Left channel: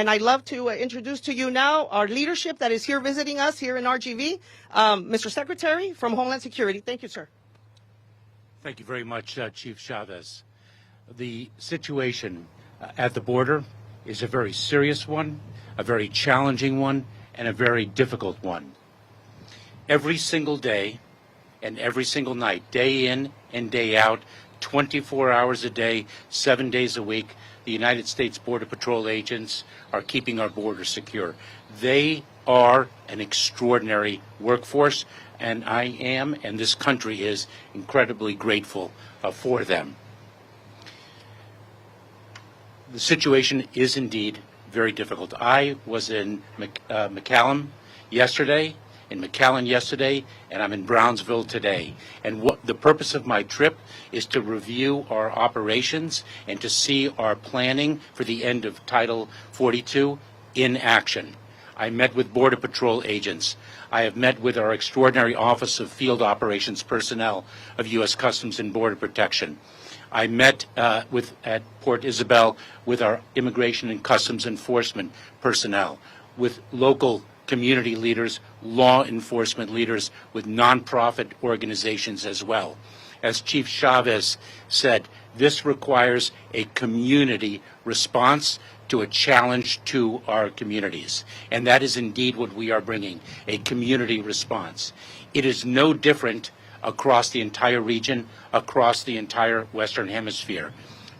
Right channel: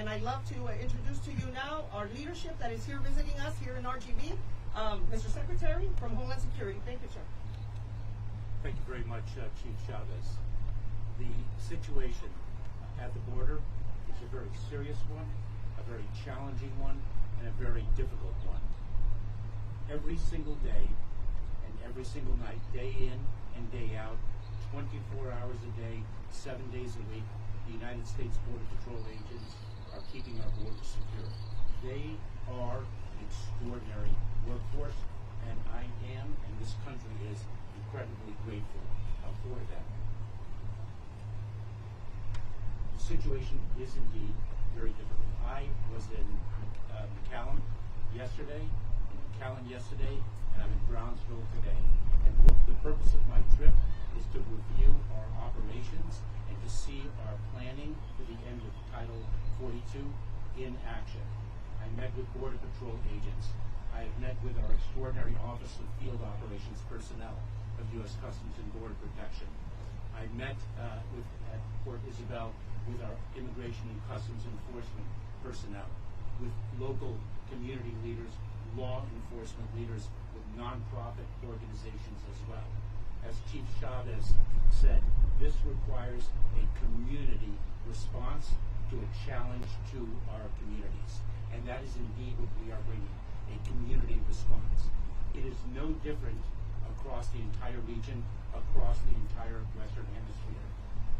And I'd love to introduce to you now our leadership that is here visiting us here in RGV. Mr. Secretary from Homeland Security. Thank you, sir. Thank you very much, Chief Chavez. The situation at the border is a very serious one, a very challenging one, and a very difficult one. Every single day and every single night, day in and day out, 24 hours a day, 7 days a week, the United States Border Patrol agents are keeping our border secure. They are an extraordinary workforce, and I am, and this country is, incredibly grateful for them. The situation is indeed very difficult. I was in McAllen yesterday, and I'm in Brownsville today. And what the purpose of my trip is to review our operations and to see our planning for the end of Title 42 in action. I met with Border Patrol agents. I have met with our extraordinary Office of Field Operations Personnel of U.S. Customs and Border Protection. I met at Port Isabel with our Immigration and Customs Enforcement personnel, with local community leaders, law enforcement leaders, with nonprofit organizations as well. As Chief Chavez said, this requires a community response to a challenge to our communities. And that is indeed what we are bringing, a community response. It is no different across the entire region, across the entire Western Hemisphere.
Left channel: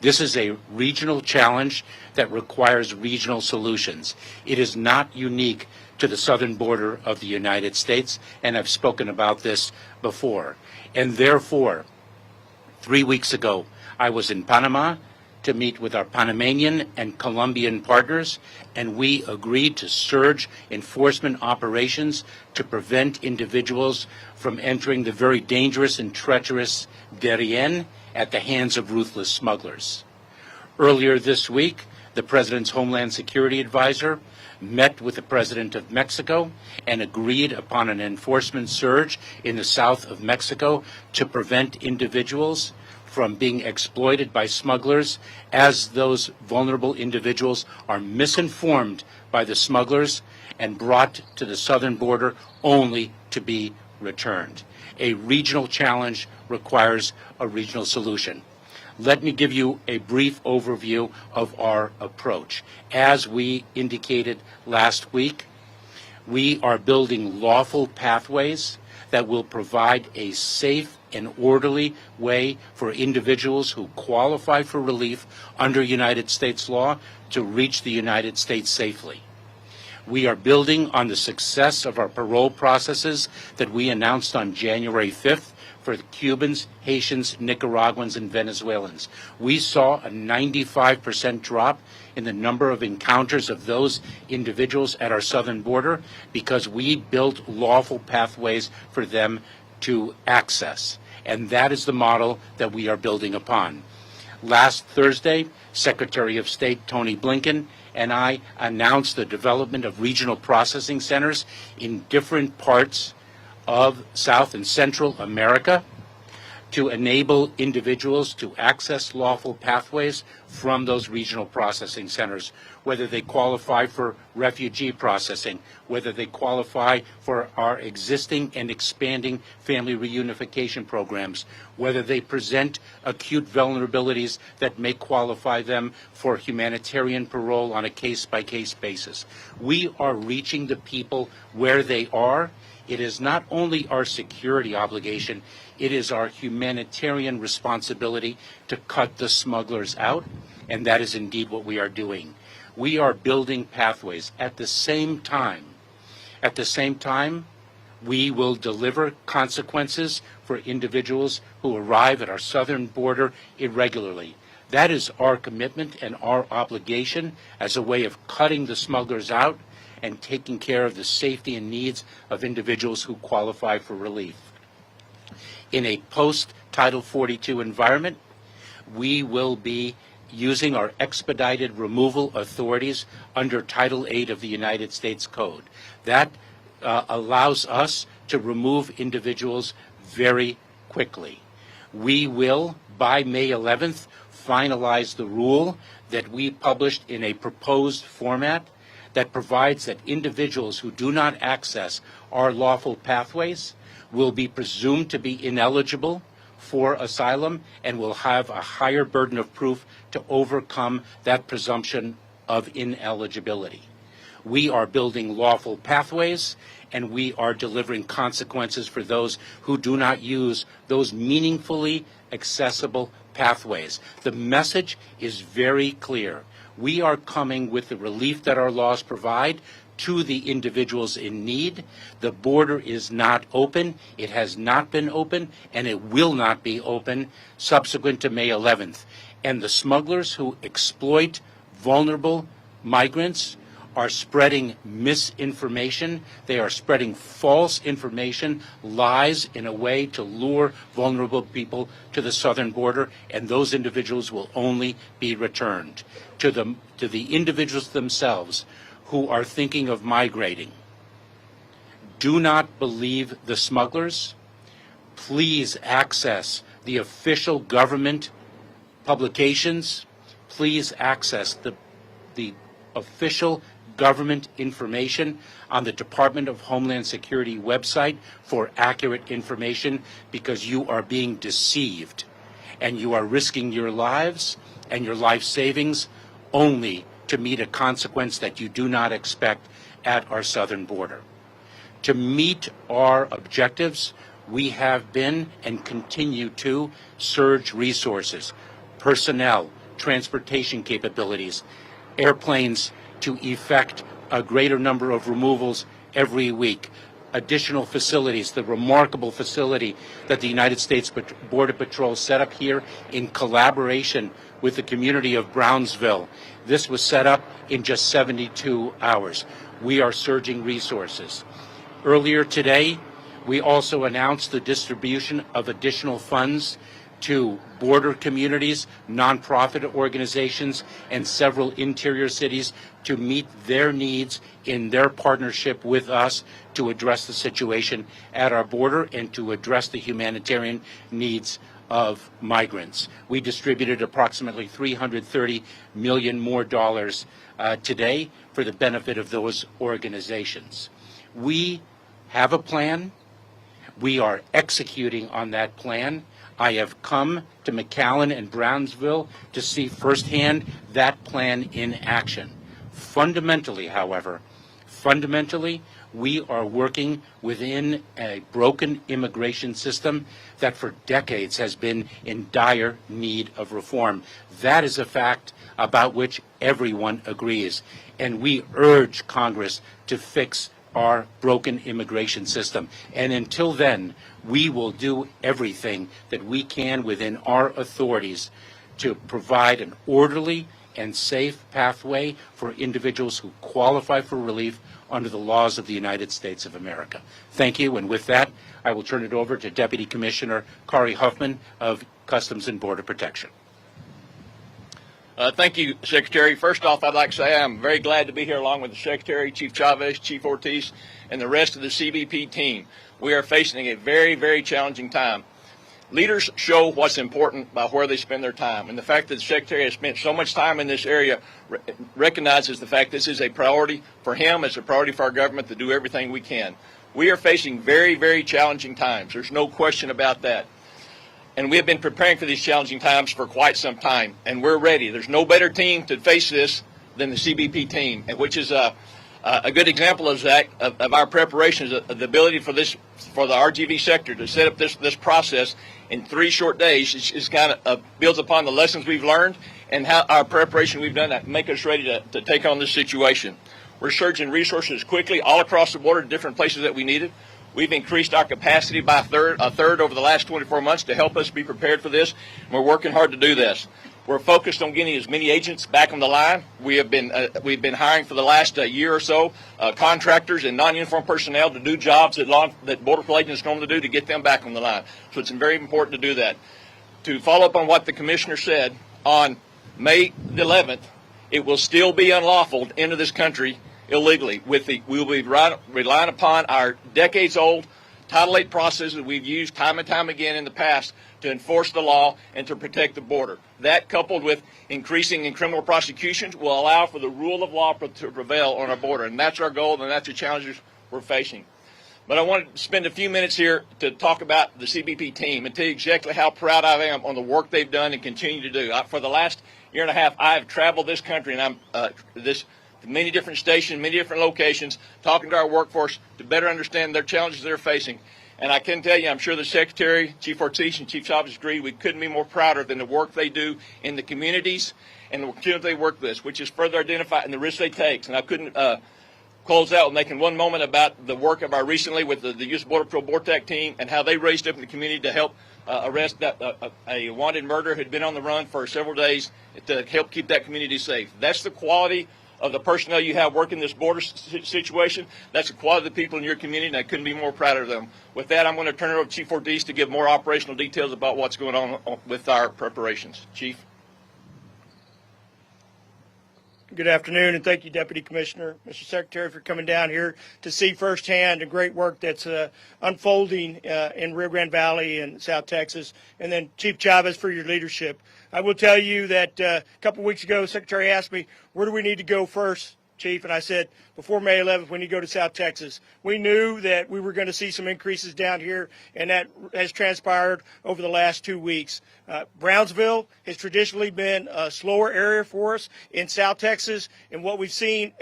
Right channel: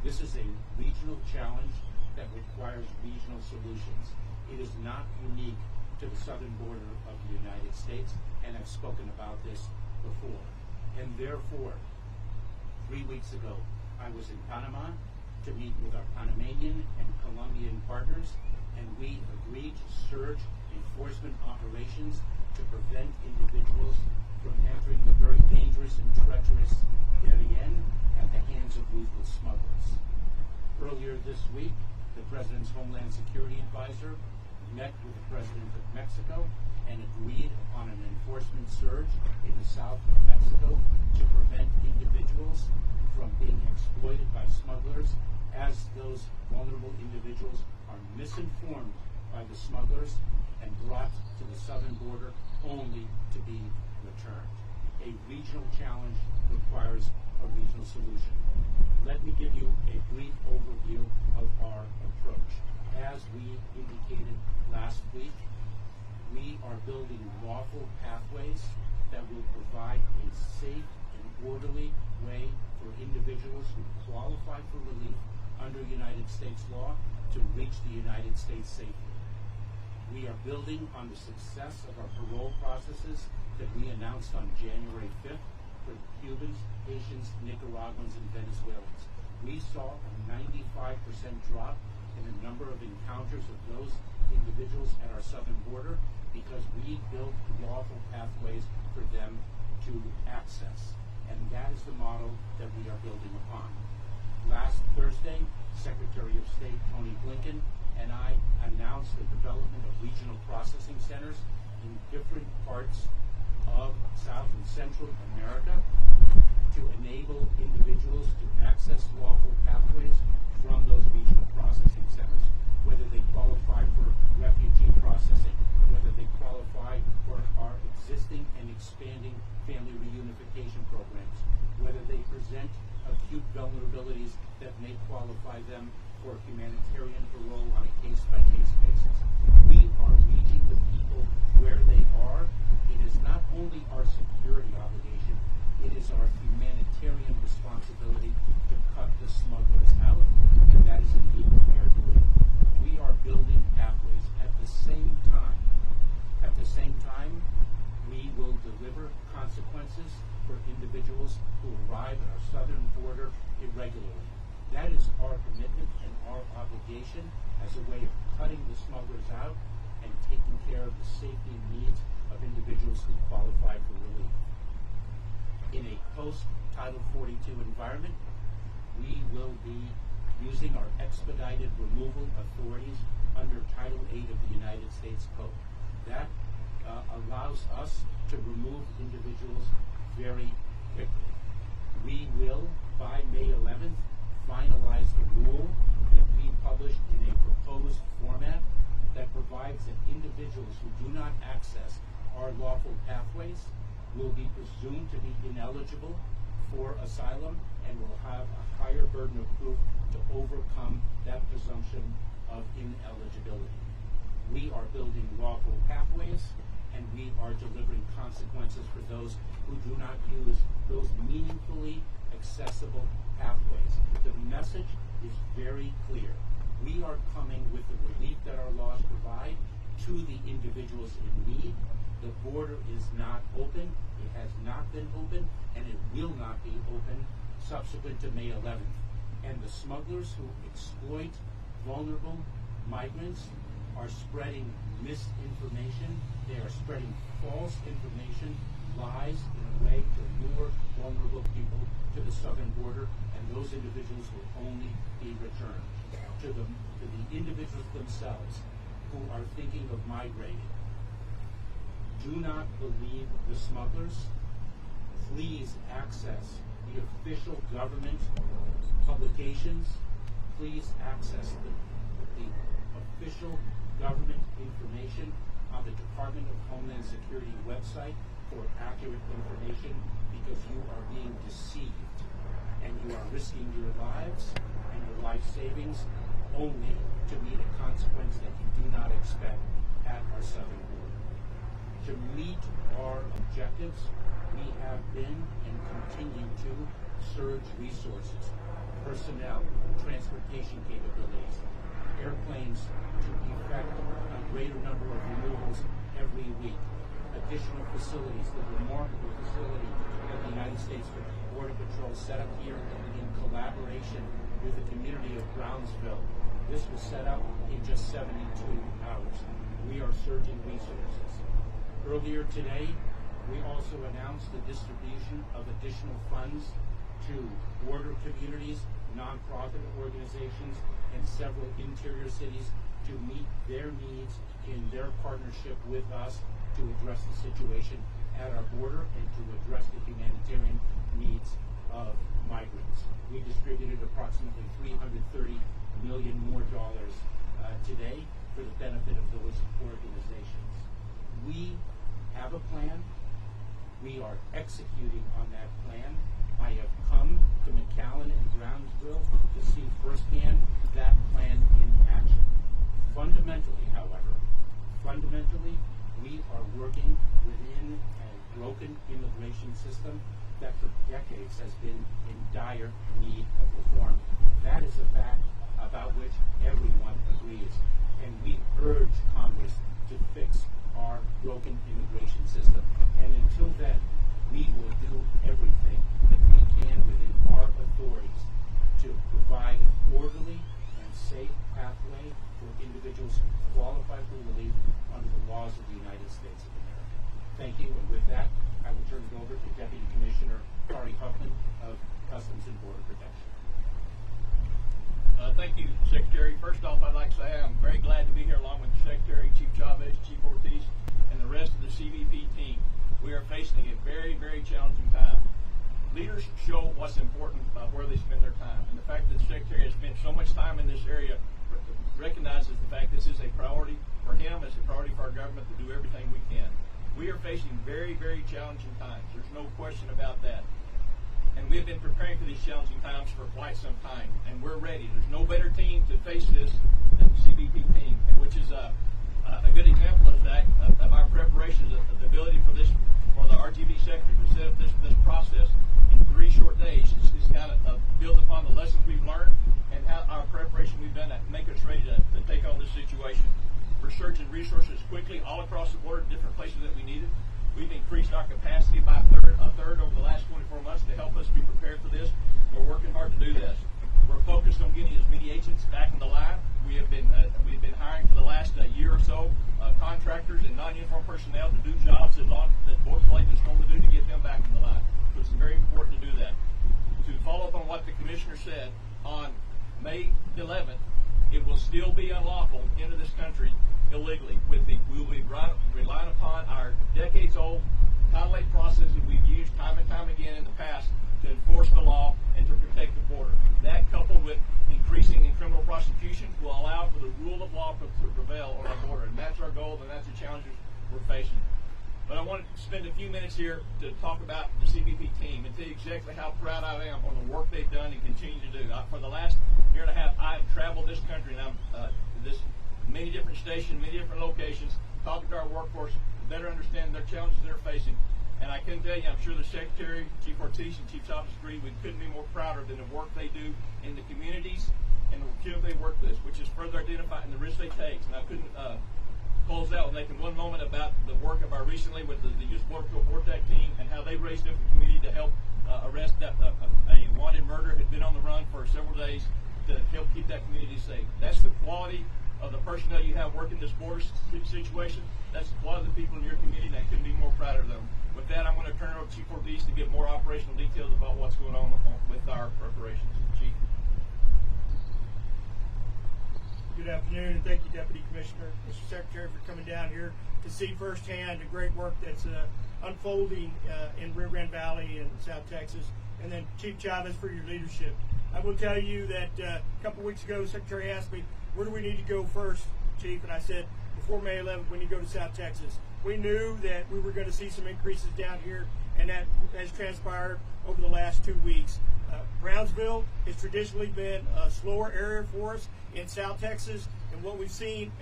This is a regional challenge that requires regional solutions. It is not unique to the southern border of the United States, and I've spoken about this before. And therefore, 3 weeks ago, I was in Panama to meet with our Panamanian and Colombian partners, and we agreed to surge enforcement operations to prevent individuals from entering the very dangerous and treacherous Darien at the hands of ruthless smugglers. Earlier this week, the President's Homeland Security Advisor met with the President of Mexico and agreed upon an enforcement surge in the south of Mexico to prevent individuals from being exploited by smugglers, as those vulnerable individuals are misinformed by the smugglers and brought to the southern border only to be returned. A regional challenge requires a regional solution. Let me give you a brief overview of our approach. As we indicated last week, we are building lawful pathways that will provide a safe and orderly way for individuals who qualify for relief under United States law to reach the United States safely. We are building on the success of our parole processes that we announced on January 5th for the Cubans, Haitians, Nicaraguans, and Venezuelans. We saw a 95% drop in the number of encounters of those individuals at our southern border because we built lawful pathways for them to access. And that is the model that we are building upon. Last Thursday, Secretary of State Tony Blinken and I announced the development of regional processing centers in different parts of South and Central America to enable individuals to access lawful pathways from those regional processing centers, whether they qualify for refugee processing, whether they qualify for our existing and expanding family reunification programs, whether they present acute vulnerabilities that may qualify them for humanitarian parole on a case-by-case basis. We are reaching the people where they are. It is not only our security obligation, it is our humanitarian responsibility to cut the smugglers out, and that is indeed what we are doing. We are building pathways. At the same time, we will deliver consequences for individuals who arrive at our southern border irregularly. That is our commitment and our obligation as a way of cutting the smugglers out and taking care of the safety and needs of individuals who qualify for relief. In a post-Title 42 environment, we will be using our expedited removal authorities under Title 8 of the United States Code. That allows us to remove individuals very quickly. We will, by May 11th, finalize the rule that we published in a proposed format that provides that individuals who do not access our lawful pathways will be presumed to be ineligible for asylum and will have a higher burden of proof to overcome that presumption of ineligibility. We are building lawful pathways, and we are delivering consequences for those who do not use those meaningfully accessible pathways. The message is very clear. We are coming with the relief that our laws provide to the individuals in need. The border is not open. It has not been open, and it will not be open subsequent to May 11th. And the smugglers who exploit vulnerable migrants are spreading misinformation. They are spreading false information, lies, in a way to lure vulnerable people to the southern border, and those individuals will only be returned. To the individuals themselves who are thinking of migrating, do not believe the smugglers. Please access the official government publications. Please access the official government information on the Department of Homeland Security website for accurate information, because you are being deceived and you are risking your lives and your life savings only to meet a consequence that you do not expect at our southern border. To meet our objectives, we have been and continue to surge resources, personnel, transportation capabilities, airplanes to effect a greater number of removals every week, additional facilities, the remarkable facility that the United States Border Patrol set up here in collaboration with the community of Brownsville. This was set up in just 72 hours. We are surging resources. Earlier today, we also announced the distribution of additional funds to border communities, nonprofit organizations, and several interior cities to meet their needs in their partnership with us to address the situation at our border and to address the humanitarian needs of migrants. We distributed approximately $330 million more today for the benefit of those organizations. We have a plan. We are executing on that plan. I have come to McAllen and Brownsville to see firsthand that plan in action. Fundamentally, however, we are working within a broken immigration system that for decades has been in dire need of reform. That is a fact about which everyone agrees, and we urge Congress to fix our broken immigration system. And until then, we will do everything that we can within our authorities to provide an orderly and safe pathway for individuals who qualify for relief under the laws of the United States of America. Thank you, and with that, I will turn it over to Deputy Commissioner Kari Huffman of Customs and Border Protection. Thank you, Secretary. First off, I'd like to say I'm very glad to be here along with the Secretary, Chief Chavez, Chief Ortiz, and the rest of the CBP team. We are facing a very, very challenging time. Leaders show what's important by where they spend their time, and the fact that the Secretary has spent so much time in this area recognizes the fact this is a priority for him, it's a priority for our government to do everything we can. We are facing very, very challenging times. There's no question about that. And we have been preparing for these challenging times for quite some time, and we're ready. There's no better team to face this than the CBP team, which is a good example of that, of our preparations, the ability for the RGV sector to set up this process in 3 short days is kind of builds upon the lessons we've learned and how our preparation we've done that make us ready to take on this situation. We're surging resources quickly all across the border to different places that we needed. We've increased our capacity by a third over the last 24 months to help us be prepared for this. We're working hard to do this. We're focused on getting as many agents back on the line. We've been hiring for the last year or so contractors and non-uniformed personnel to do jobs that Border Patrol agents normally do to get them back on the line. So it's very important to do that. To follow up on what the Commissioner said, on May the 11th, it will still be unlawful to enter this country illegally. We will be relying upon our decades-old Title VIII processes we've used time and time again in the past to enforce the law and to protect the border. That, coupled with increasing in criminal prosecutions, will allow for the rule of law to prevail on our border, and that's our goal, and that's the challenges we're facing. But I want to spend a few minutes here to talk about the CBP team and tell you exactly how proud I am on the work they've done and continue to do. For the last year and a half, I have traveled this country, and I'm many different stations, many different locations, talking to our workforce to better understand their challenges they're facing. And I can tell you, I'm sure the Secretary, Chief Ortiz, and Chief Chavez agree, we couldn't be more prouder than the work they do in the communities and the community they work with, which is further identified in the risks they take. And I couldn't close out with making one moment about the work of our recently with the U.S. Border Patrol BORTAC team and how they raised up in the community to help arrest a wanted murderer who had been on the run for several days to help keep that community safe. That's the quality of the personnel you have working this border situation. That's the quality of the people in your community, and I couldn't be more proud of them. With that, I'm going to turn it over to Chief Ortiz to give more operational details about what's going on with our preparations. Chief. Good afternoon, and thank you, Deputy Commissioner, Mr. Secretary, for coming down here to see firsthand the great work that's unfolding in Rio Grande Valley and South Texas, and then Chief Chavez for your leadership. I will tell you that a couple of weeks ago, the Secretary asked me, where do we need to go first, Chief? And I said, before May 11th, we need to go to South Texas. We knew that we were going to see some increases down here, and that has transpired over the last 2 weeks. Brownsville has traditionally been a slower area for us in South Texas, and what we've seen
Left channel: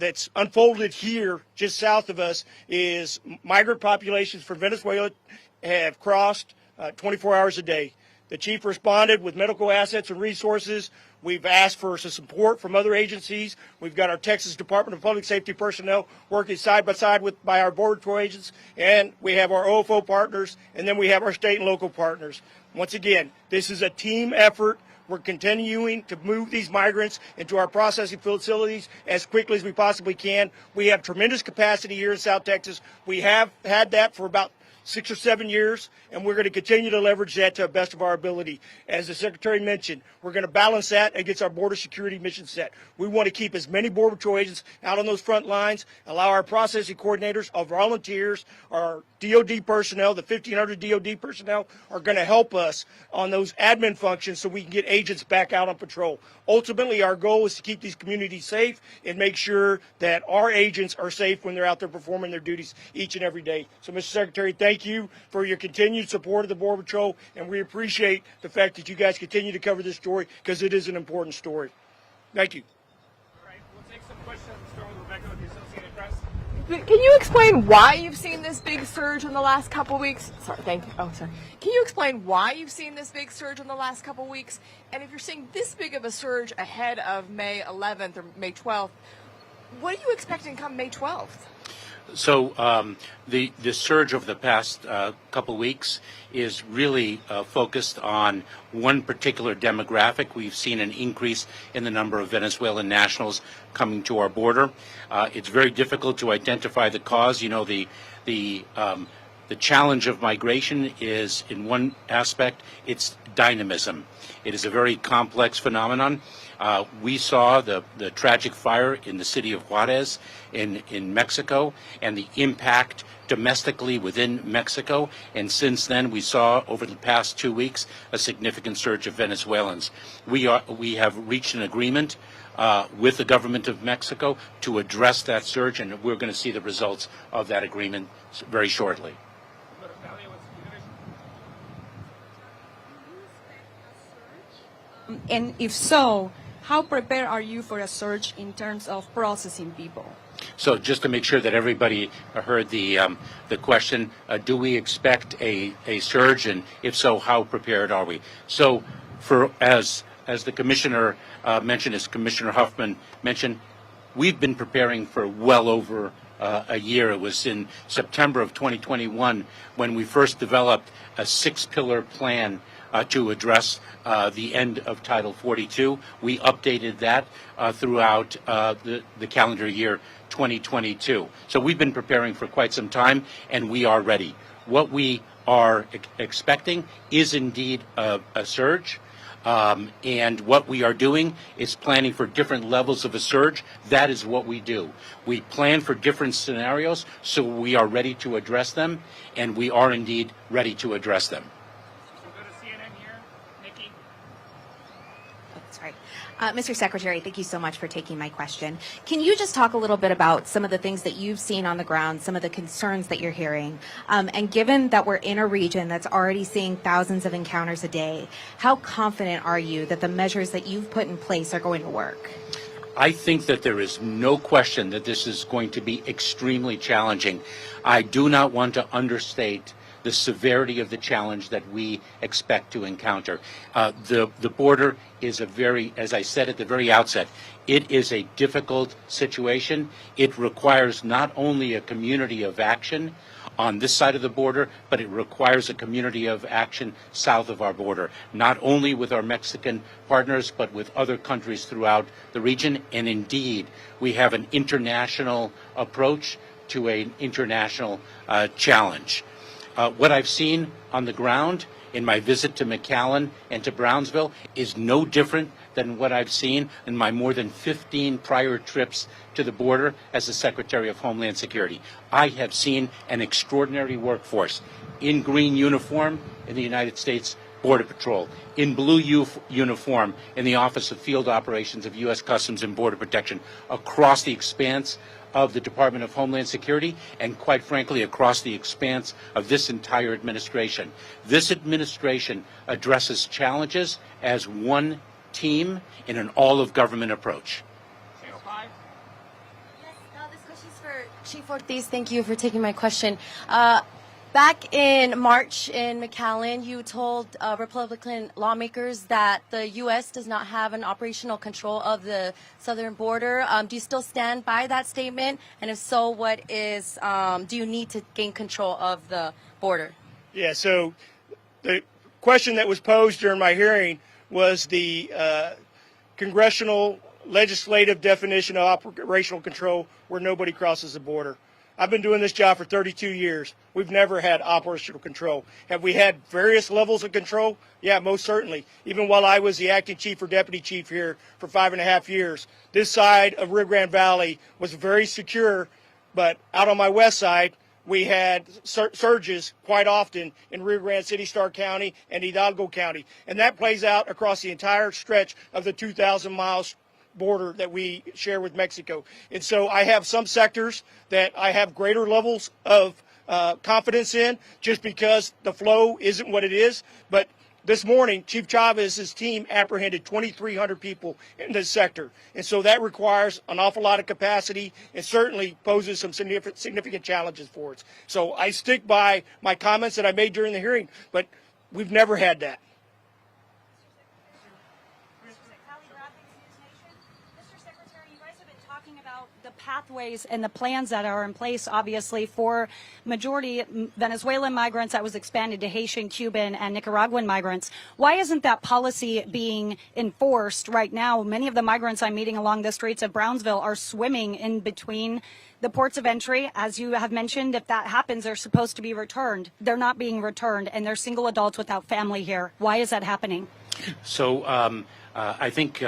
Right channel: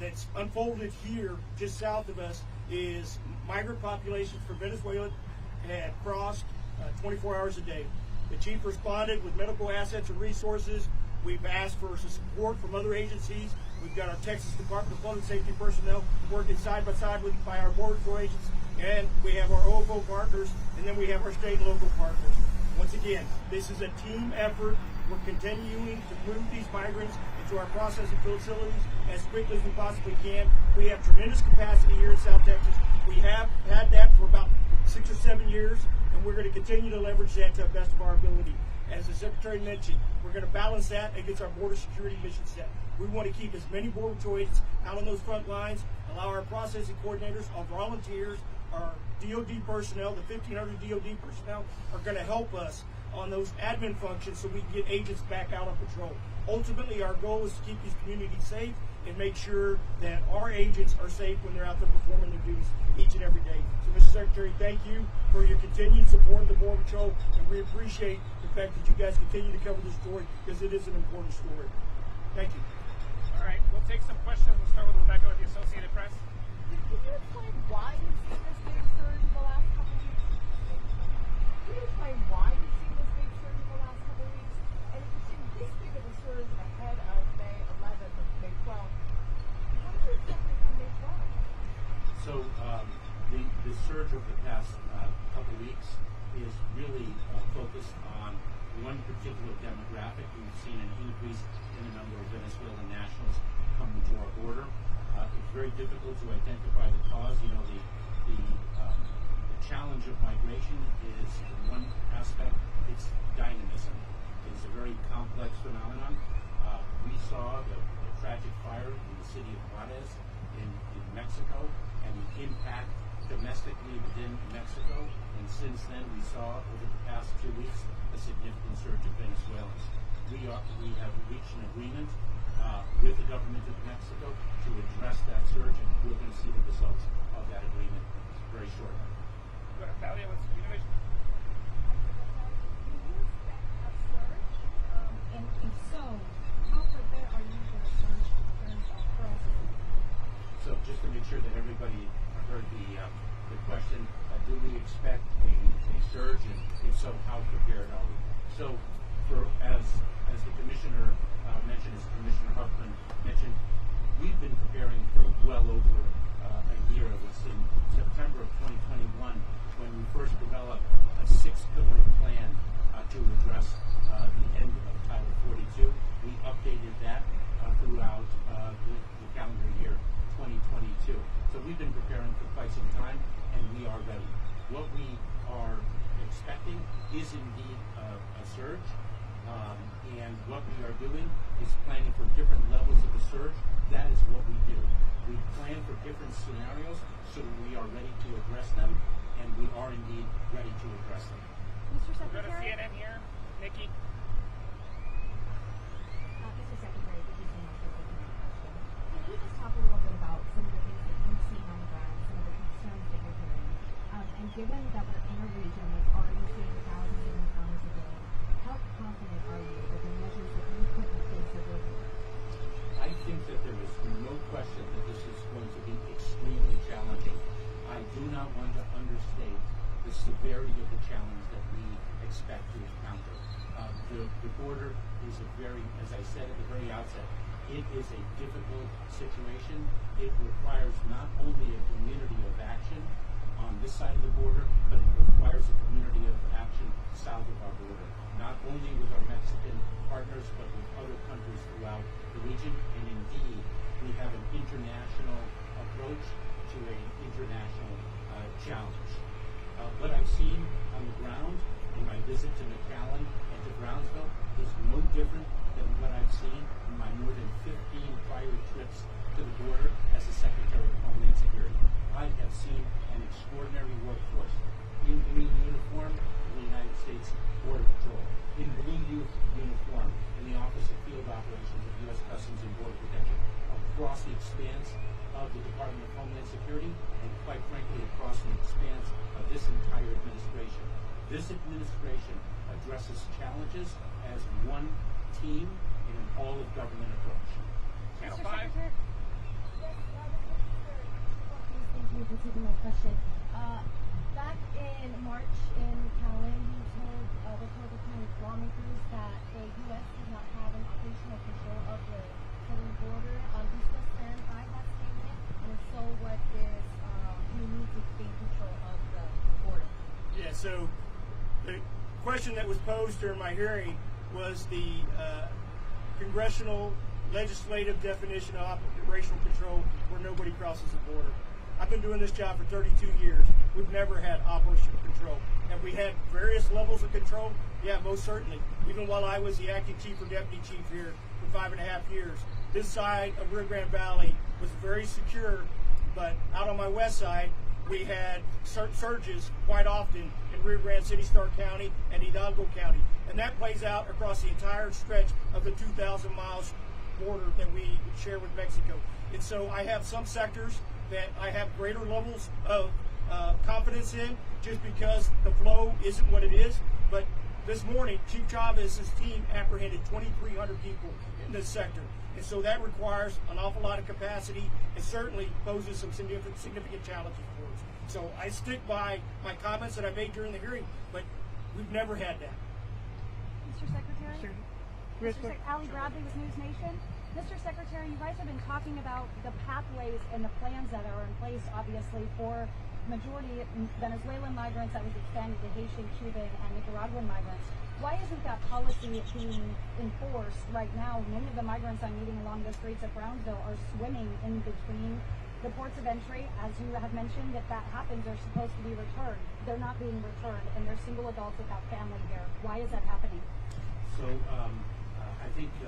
that's unfolded here just south of us is migrant populations from Venezuela have crossed 24 hours a day. The Chief responded with medical assets and resources. We've asked for some support from other agencies. We've got our Texas Department of Public Safety personnel working side by side by our Border Patrol agents, and we have our OFO partners, and then we have our state and local partners. Once again, this is a team effort. We're continuing to move these migrants into our processing facilities as quickly as we possibly can. We have tremendous capacity here in South Texas. We have had that for about 6 or 7 years, and we're going to continue to leverage that to the best of our ability. As the Secretary mentioned, we're going to balance that against our border security mission set. We want to keep as many Border Patrol agents out on those front lines, allow our processing coordinators, our volunteers, our DOD personnel, the 1,500 DOD personnel are going to help us on those admin functions so we can get agents back out on patrol. Ultimately, our goal is to keep these communities safe and make sure that our agents are safe when they're out there performing their duties each and every day. So, Mr. Secretary, thank you for your continued support of the Border Patrol, and we appreciate the fact that you guys continue to cover this story because it is an important story. Thank you. All right, we'll take some questions. Start with Rebecca with the Associated Press. Can you explain why you've seen this big surge in the last couple weeks? Sorry, thank you. Oh, sorry. Can you explain why you've seen this big surge in the last couple weeks? And if you're seeing this big of a surge ahead of May 11th or May 12th, what are you expecting come May 12th? So the surge over the past couple weeks is really focused on one particular demographic. We've seen an increase in the number of Venezuelan nationals coming to our border. It's very difficult to identify the cause. You know, the challenge of migration is, in one aspect, it's dynamism. It is a very complex phenomenon. We saw the tragic fire in the city of Juarez in Mexico and the impact domestically within Mexico, and since then we saw over the past 2 weeks a significant surge of Venezuelans. We have reached an agreement with the government of Mexico to address that surge, and we're going to see the results of that agreement very shortly. And if so, how prepared are you for a surge in terms of processing people? So just to make sure that everybody heard the question, do we expect a surge, and if so, how prepared are we? So as the Commissioner mentioned, as Commissioner Huffman mentioned, we've been preparing for well over a year. It was in September of 2021 when we first developed a 6-pillar plan to address the end of Title 42. We updated that throughout the calendar year 2022. So we've been preparing for quite some time, and we are ready. What we are expecting is indeed a surge. And what we are doing is planning for different levels of a surge. That is what we do. We plan for different scenarios, so we are ready to address them, and we are indeed ready to address them. Mr. Secretary, thank you so much for taking my question. Can you just talk a little bit about some of the things that you've seen on the ground, some of the concerns that you're hearing? And given that we're in a region that's already seeing thousands of encounters a day, how confident are you that the measures that you've put in place are going to work? I think that there is no question that this is going to be extremely challenging. I do not want to understate the severity of the challenge that we expect to encounter. The border is a very, as I said at the very outset, it is a difficult situation. It requires not only a community of action on this side of the border, but it requires a community of action south of our border, not only with our Mexican partners, but with other countries throughout the region. And indeed, we have an international approach to an international challenge. What I've seen on the ground in my visit to McAllen and to Brownsville is no different than what I've seen in my more than 15 prior trips to the border as the Secretary of Homeland Security. I have seen an extraordinary workforce in green uniform in the United States Border Patrol, in blue uniform in the Office of Field Operations of U.S. Customs and Border Protection, across the expanse of the Department of Homeland Security, and quite frankly across the expanse of this entire administration. This administration addresses challenges as one team in an all-of-government approach. Yes, this question is for Chief Ortiz. Thank you for taking my question. Back in March in McAllen, you told Republican lawmakers that the U.S. does not have an operational control of the southern border. Do you still stand by that statement? And if so, what is, do you need to gain control of the border? Yeah, so the question that was posed during my hearing was the congressional legislative definition of operational control where nobody crosses the border. I've been doing this job for 32 years. We've never had operational control. Have we had various levels of control? Yeah, most certainly. Even while I was the acting chief or deputy chief here for 5.5 years, this side of Rio Grande Valley was very secure, but out on my west side, we had surges quite often in Rio Grande City, Starr County, and Hidalgo County. And that plays out across the entire stretch of the 2,000 miles border that we share with Mexico. And so I have some sectors that I have greater levels of confidence in just because the flow isn't what it is. But this morning, Chief Chavez's team apprehended 2,300 people in this sector. And so that requires an awful lot of capacity and certainly poses some significant challenges for us. So I stick by my comments that I made during the hearing, but we've never had that. Mr. Secretary? Ali Bradley with News Nation. Mr. Secretary, you guys have been talking about the pathways and the plans that are in place, obviously, for majority Venezuelan migrants that was expanded to Haitian, Cuban, and Nicaraguan migrants. Why isn't that policy being enforced right now? Many of the migrants I'm meeting along the streets of Brownsville are swimming in between the ports of entry. As you have mentioned, if that happens, they're supposed to be returned. They're not being returned, and they're single adults without family here. Why is that happening? So I think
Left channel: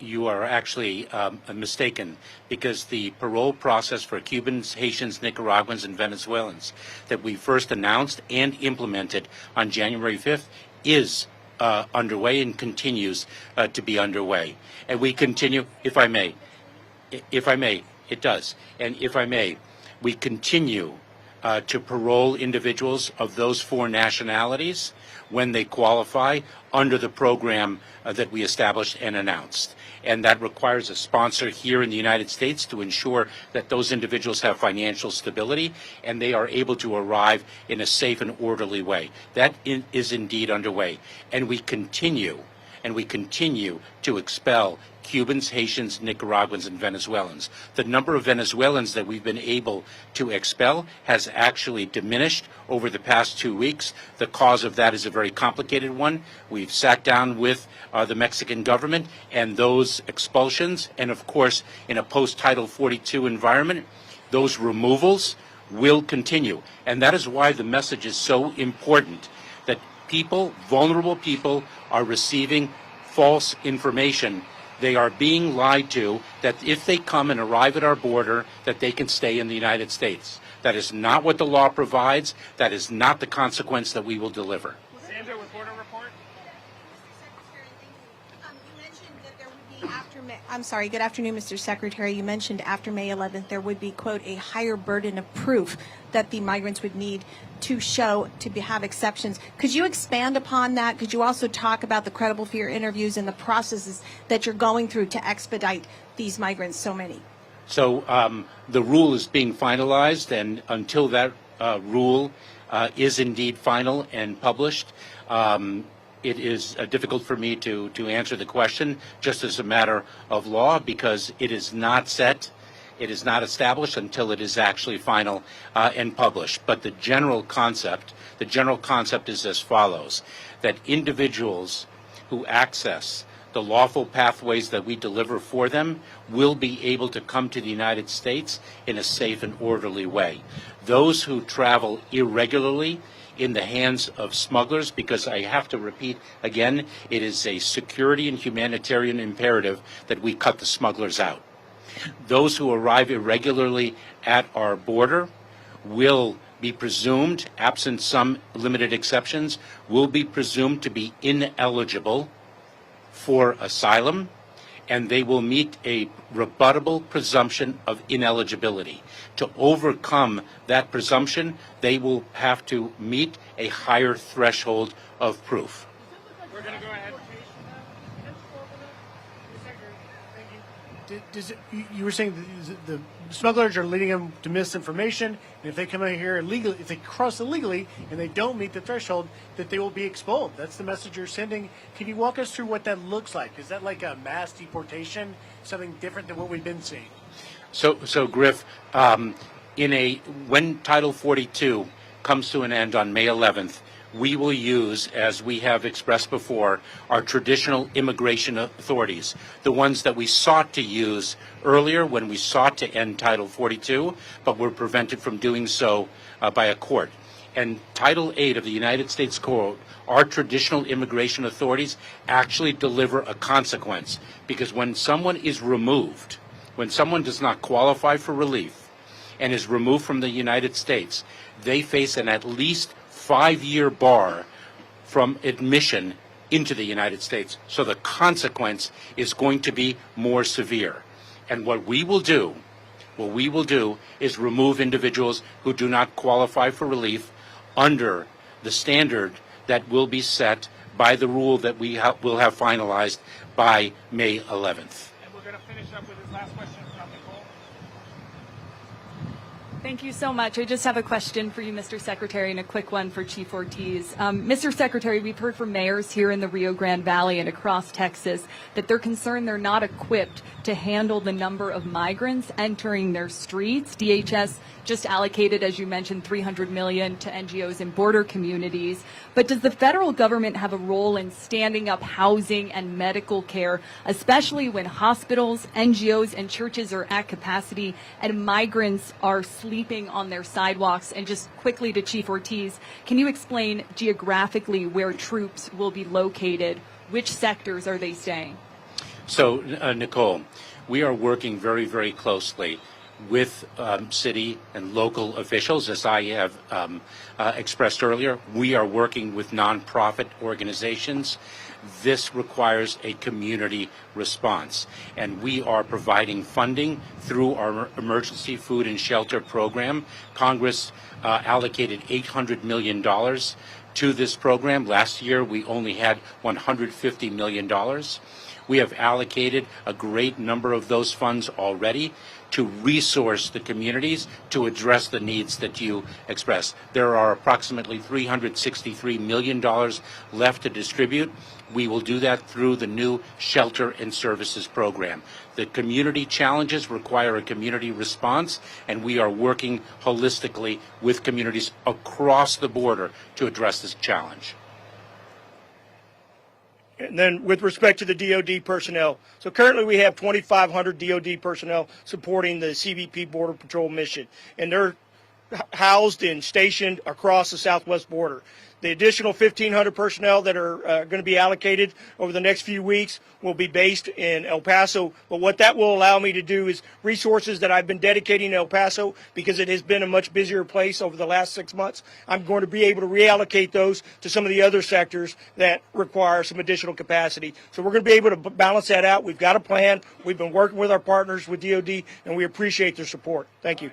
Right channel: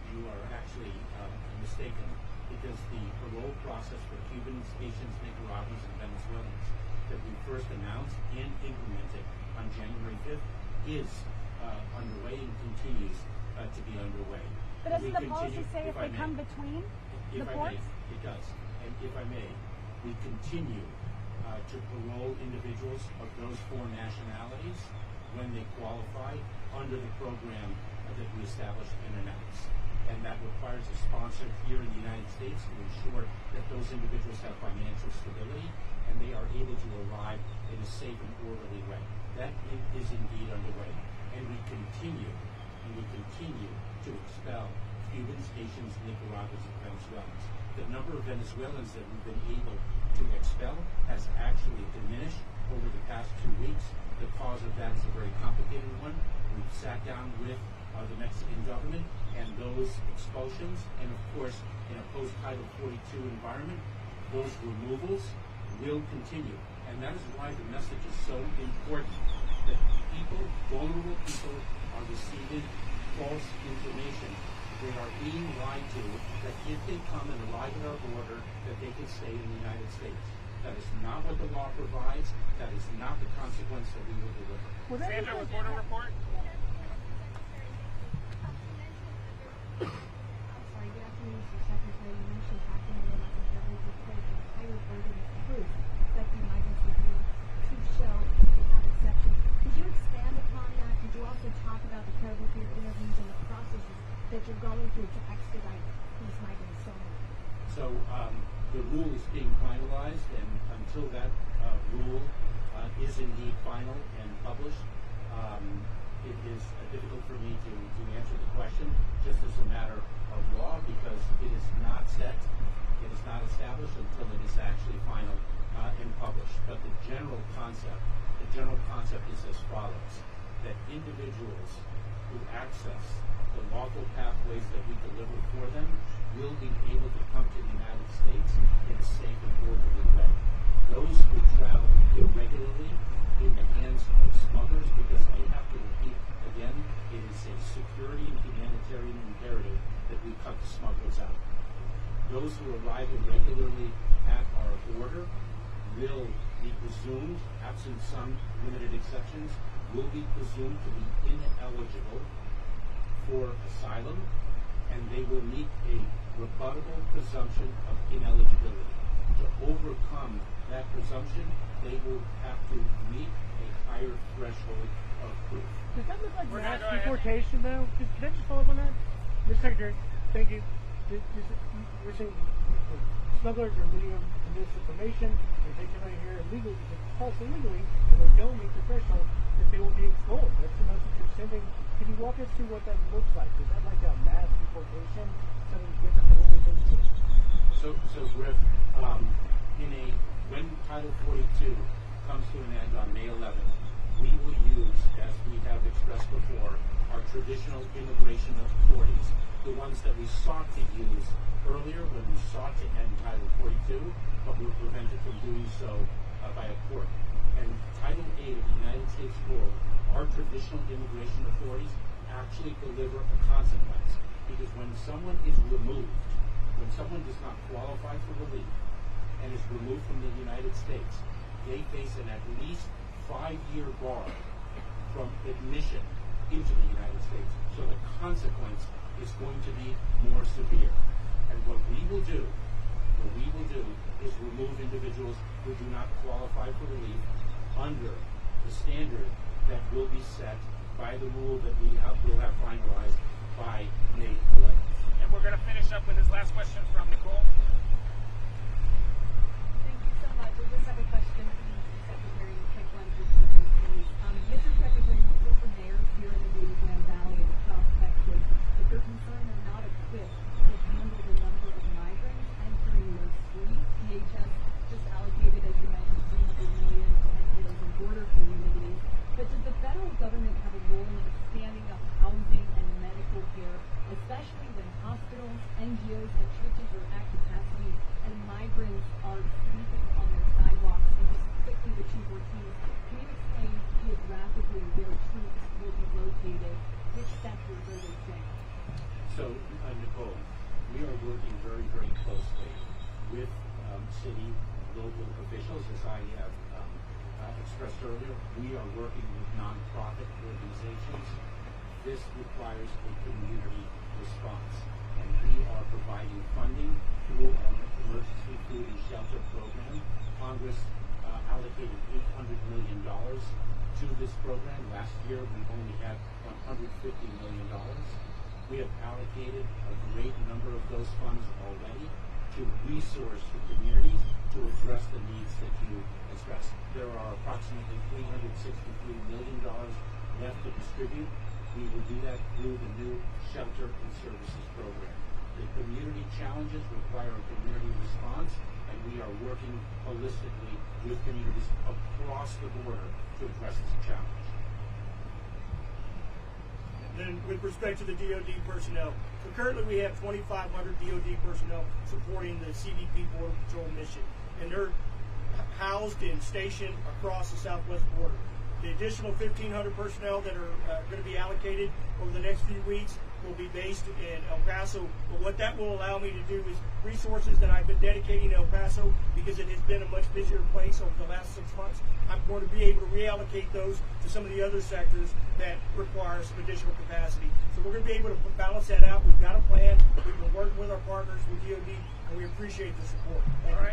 you are actually mistaken, because the parole process for Cubans, Haitians, Nicaraguans, and Venezuelans that we first announced and implemented on January 5th is underway and continues to be underway. And we continue, if I may, it does. And if I may, we continue to parole individuals of those 4 nationalities when they qualify under the program that we established and announced. And that requires a sponsor here in the United States to ensure that those individuals have financial stability and they are able to arrive in a safe and orderly way. That is indeed underway. And we continue to expel Cubans, Haitians, Nicaraguans, and Venezuelans. The number of Venezuelans that we've been able to expel has actually diminished over the past 2 weeks. The cause of that is a very complicated one. We've sat down with the Mexican government, and those expulsions, and of course in a post-Title 42 environment, those removals will continue. And that is why the message is so important, that people, vulnerable people, are receiving false information. They are being lied to that if they come and arrive at our border, that they can stay in the United States. That is not what the law provides. That is not the consequence that we will deliver. Sandra with Border Report. You mentioned that there would be I'm sorry. Good afternoon, Mr. Secretary. You mentioned after May 11th there would be, quote, a higher burden of proof that the migrants would need to show have exceptions. Could you expand upon that? Could you also talk about the credible fear interviews and the processes that you're going through to expedite these migrants, so many? So the rule is being finalized, and until that rule is indeed final and published, it is difficult for me to answer the question just as a matter of law, because it is not set, it is not established until it is actually final and published. But the general concept is as follows: that individuals who access the lawful pathways that we deliver for them will be able to come to the United States in a safe and orderly way. Those who travel irregularly in the hands of smugglers, because I have to repeat again, it is a security and humanitarian imperative that we cut the smugglers out. Those who arrive irregularly at our border will be presumed, absent some limited exceptions, will be presumed to be ineligible for asylum, and they will meet a rebuttable presumption of ineligibility. To overcome that presumption, they will have to meet a higher threshold of proof. We're going to go ahead. Deportation now? Can I just follow up on that? Mr. Secretary, thank you. You were saying the smugglers are leading them to misinformation, and if they come in here illegally, if they cross illegally and they don't meet the threshold, that they will be expelled. That's the message you're sending. Can you walk us through what that looks like? Is that like a mass deportation, something different than what we've been seeing? So Griff, when Title 42 comes to an end on May 11th, we will use, as we have expressed before, our traditional immigration authorities, the ones that we sought to use earlier when we sought to end Title 42, but were prevented from doing so by a court. And Title 8 of the United States Code, our traditional immigration authorities actually deliver a consequence, because when someone is removed, when someone does not qualify for relief and is removed from the United States, they face an at least 5-year bar from admission into the United States. So the consequence is going to be more severe. And what we will do is remove individuals who do not qualify for relief under the standard that will be set by the rule that we will have finalized by May 11th. And we're going to finish up with his last question from Nicole. Thank you so much. I just have a question for you, Mr. Secretary, and a quick one for Chief Ortiz. Mr. Secretary, we've heard from mayors here in the Rio Grande Valley and across Texas that they're concerned they're not equipped to handle the number of migrants entering their streets. DHS just allocated, as you mentioned, $300 million to NGOs in border communities. But does the federal government have a role in standing up housing and medical care, especially when hospitals, NGOs, and churches are at capacity and migrants are sleeping on their sidewalks? And just quickly to Chief Ortiz, can you explain geographically where troops will be located? Which sectors are they staying? So, Nicole, we are working very, very closely with city and local officials. As I have expressed earlier, we are working with nonprofit organizations. This requires a community response, and we are providing funding through our emergency food and shelter program. Congress allocated $800 million to this program. Last year, we only had $150 million. We have allocated a great number of those funds already to resource the communities to address the needs that you express. There are approximately $363 million left to distribute. We will do that through the new Shelter and Services program. The community challenges require a community response, and we are working holistically with communities across the border to address this challenge. And then with respect to the DOD personnel, so currently we have 2,500 DOD personnel supporting the CBP Border Patrol mission, and they're housed and stationed across the southwest border. The additional 1,500 personnel that are going to be allocated over the next few weeks will be based in El Paso. But what that will allow me to do is resources that I've been dedicating to El Paso, because it has been a much busier place over the last 6 months, I'm going to be able to reallocate those to some of the other sectors that require some additional capacity. So we're going to be able to balance that out. We've got a plan. We've been working with our partners with DOD, and we appreciate their support. Thank you.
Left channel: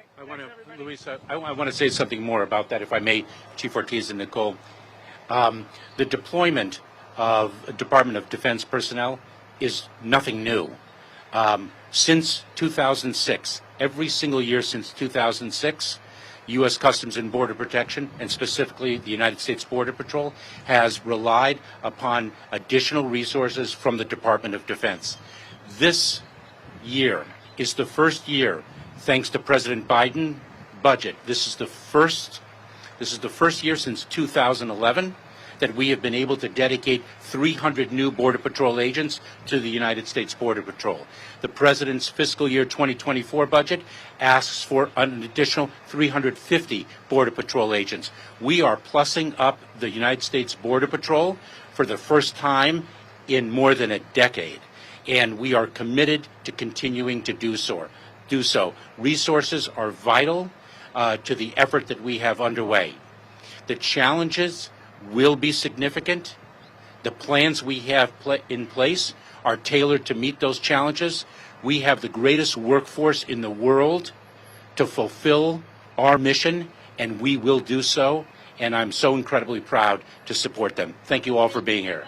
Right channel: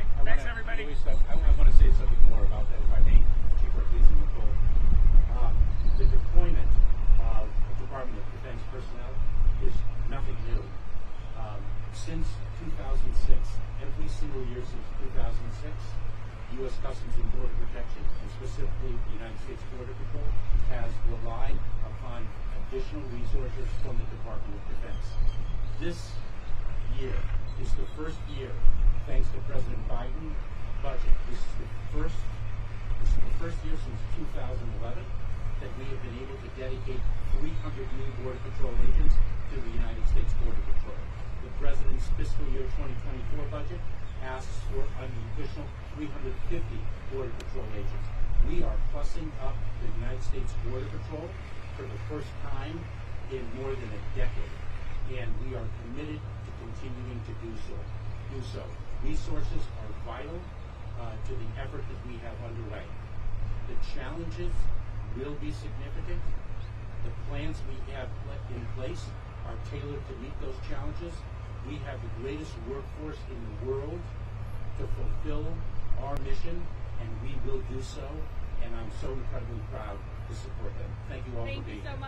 I want to say something more about that, if I may, Chief Ortiz and Nicole. The deployment of Department of Defense personnel is nothing new. Since 2006, every single year since 2006, U.S. Customs and Border Protection, and specifically the United States Border Patrol, has relied upon additional resources from the Department of Defense. This year is the first year, thanks to President Biden budget. This is the first year since 2011 that we have been able to dedicate 300 new Border Patrol agents to the United States Border Patrol. The President's fiscal year 2024 budget asks for an additional 350 Border Patrol agents. We are plussing up the United States Border Patrol for the first time in more than a decade, and we are committed to continuing to do so. Resources are vital to the effort that we have underway. The challenges will be significant. The plans we have in place are tailored to meet those challenges. We have the greatest workforce in the world to fulfill our mission, and we will do so, and I'm so incredibly proud to support them. Thank you all for being here.